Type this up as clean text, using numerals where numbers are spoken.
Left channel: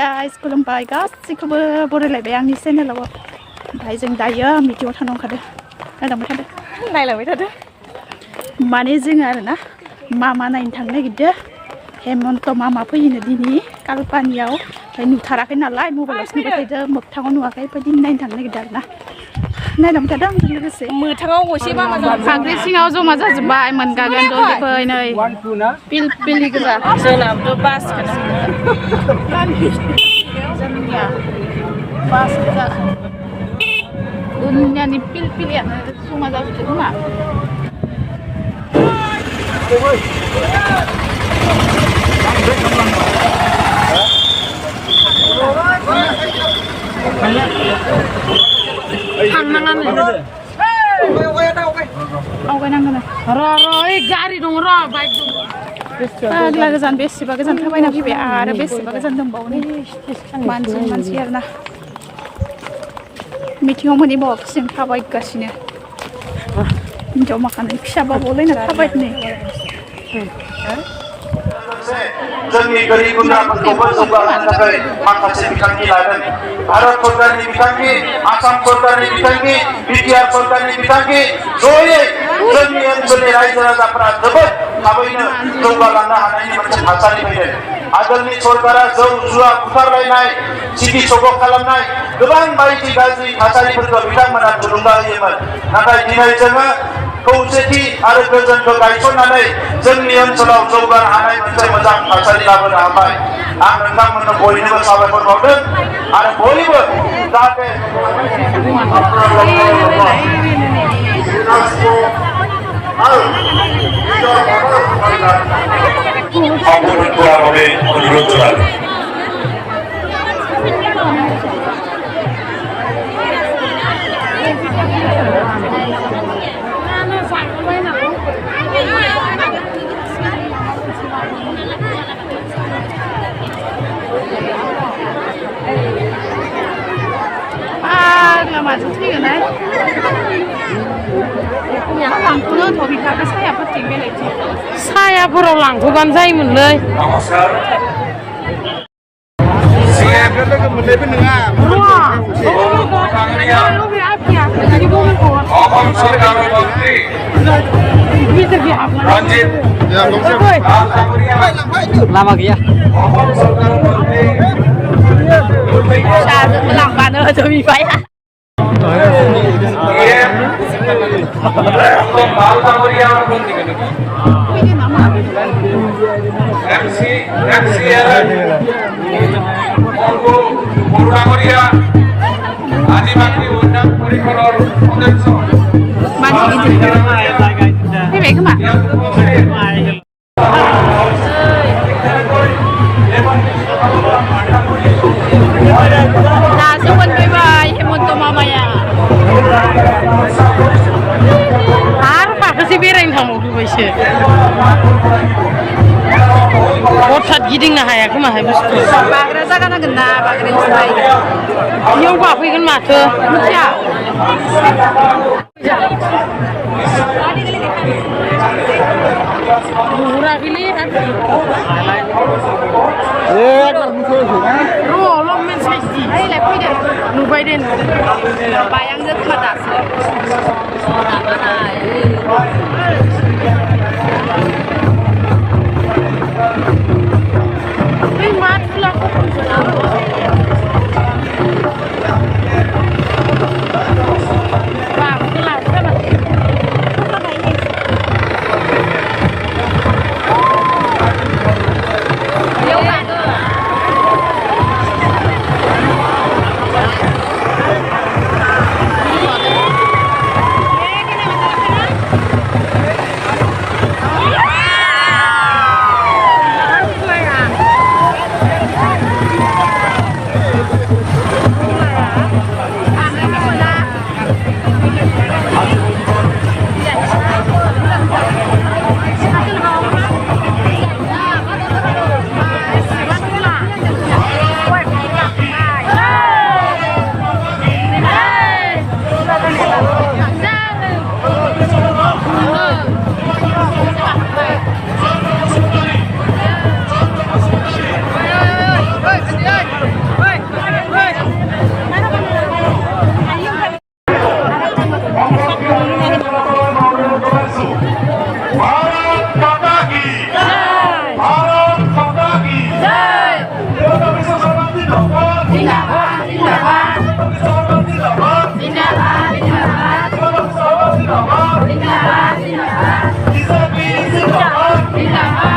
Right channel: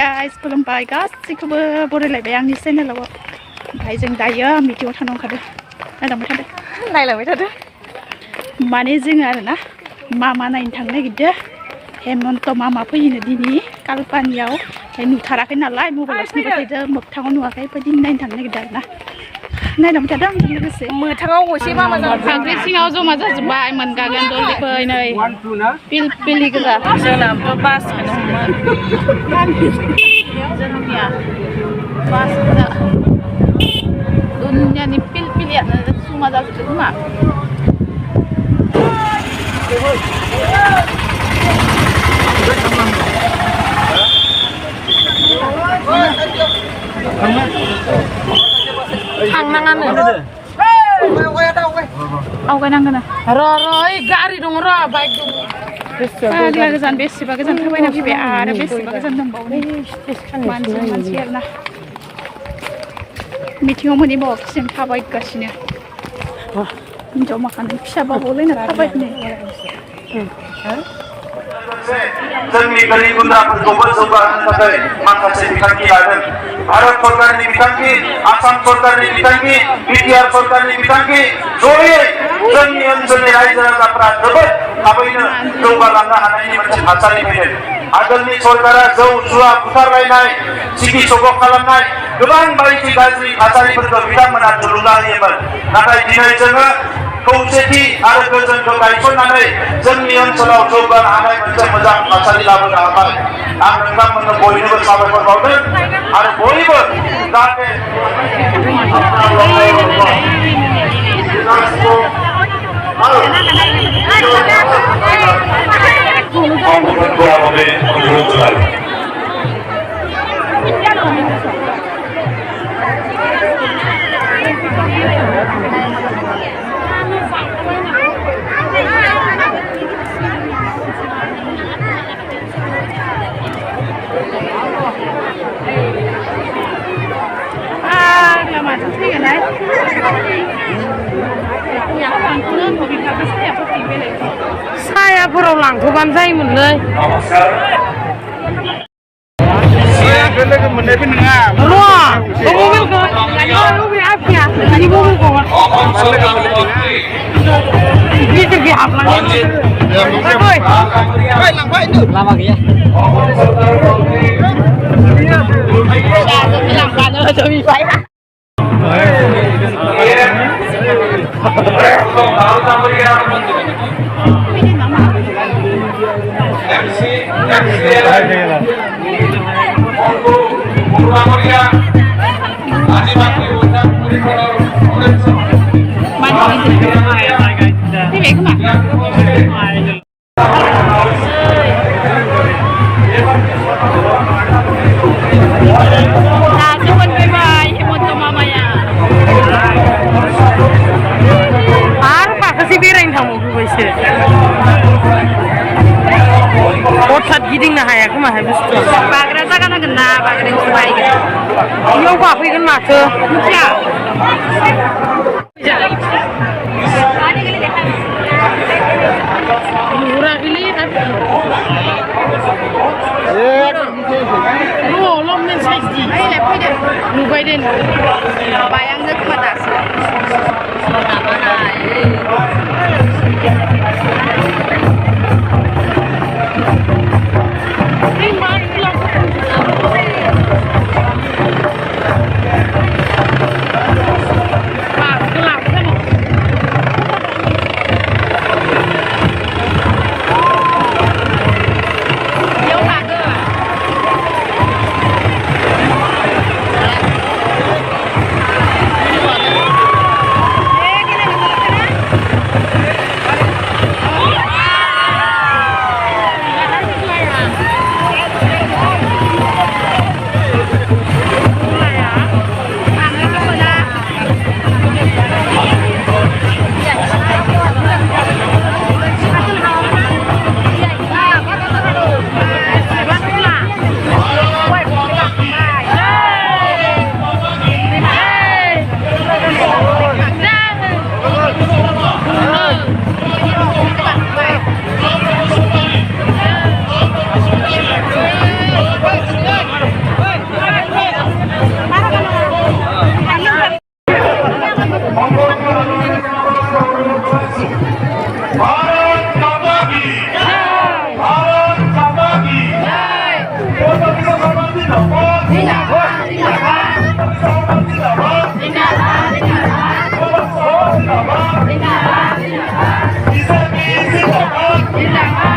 guys, खुलुमबाय गासैखौबो बरायलायबाय आंनि चेनेलाव ओमफ्राय जों दायो मिटिंआव थांनो ओंखारदों नायलांबाय थादो माने जोङो आरोना मामा नायनो थांनो नागिरदों हेमन्त मामा फैयोनो दिनै कालपानियाव ओमफ्राय नुथाराखै नालाय मबाइलावसो नुबाय थादों मोगथाङाव नुवाखै ओमफ्राय दिनै नायनो थांनो नागिरदों आरोना नायलांबाय थादों आंजों लोगोसे मोगथाङाव गसे मामा खांख्रि सिङाव जमा जाजोब्बाय मोनगागोन दलदिफै नै पिलपिलि गोजा जोंनाबो बासखौनो जोंनिया बास गोजा दुनियानि पिलपिलियानो जमा जाजोबदों खोमा थांनाङानो आवगायनांगोन र' ओइ गारि दङ र' बाइक दङ फाग्ला गोजान बेसेबा गोजान थाबायना फैबाय आरो बेसेबा गोजान दंबावो नै मानसि आरोना मिटिंआव मोनहैबावाखैसो जों थाबायगासिनो हिनजाव माखानो फिसाबाबोलायनो थाबायनो जोंनि गोरिब गुन्द्राफोरखौबो जौगाहोनो थाखाय माखासे बिथांखि लादों भारत सरकारनि बिथांखि आसाम सरकारनि बिथांखि बिटिआर सरकारनि बिथांखि जयै जोंनि ओनसोलनि रायजो राजाफोरा जोबोद थाबैनो जौगालांनो हानायनि मोनसे थासारि फैदों आगोलनि सरकारा जौ जुवा बुथारलायनाय सिगि सग' खालामनाय गोबां बायदि गाज्रि थासारिफोरखौ बिथांमोना थुलुंगा होयोमोन नाथाय दिनै जोङो खौसेथि आरो गोजोनखौ गायसननानै जोंनि ओनसोलाव जौगानो हानाय मोनसे मोजां थासारि लाबोनो हाबाय आं नोंथांमोननो बयनोबो साबायखर बावदों आरो बयबो जाहाथे माजों थैगोनहाय लांथ'नो धनिकाखौ सायाफोरथिं बेलेग सायाफोराव लांथ'बानो जायोमोनलै सायाखौ लोगो मोननायबो नङा लामा गैया लांबानो होजोबबाय फैबाय खोमा दासो मोनफैबाय हेमन्त मामाया आरो माखासे बेरायनो थांबावबायसो हथात गिदिंनो हाया खोमाहाय बुस्थुआ बाग्रा जागा नांगोन ना बाग्रायावसो बायगोन बेयाव गाफैगोन माथो मिथिया नुहुराखैलै नुबाय दे बायांजों खोमा दासो Bintang A.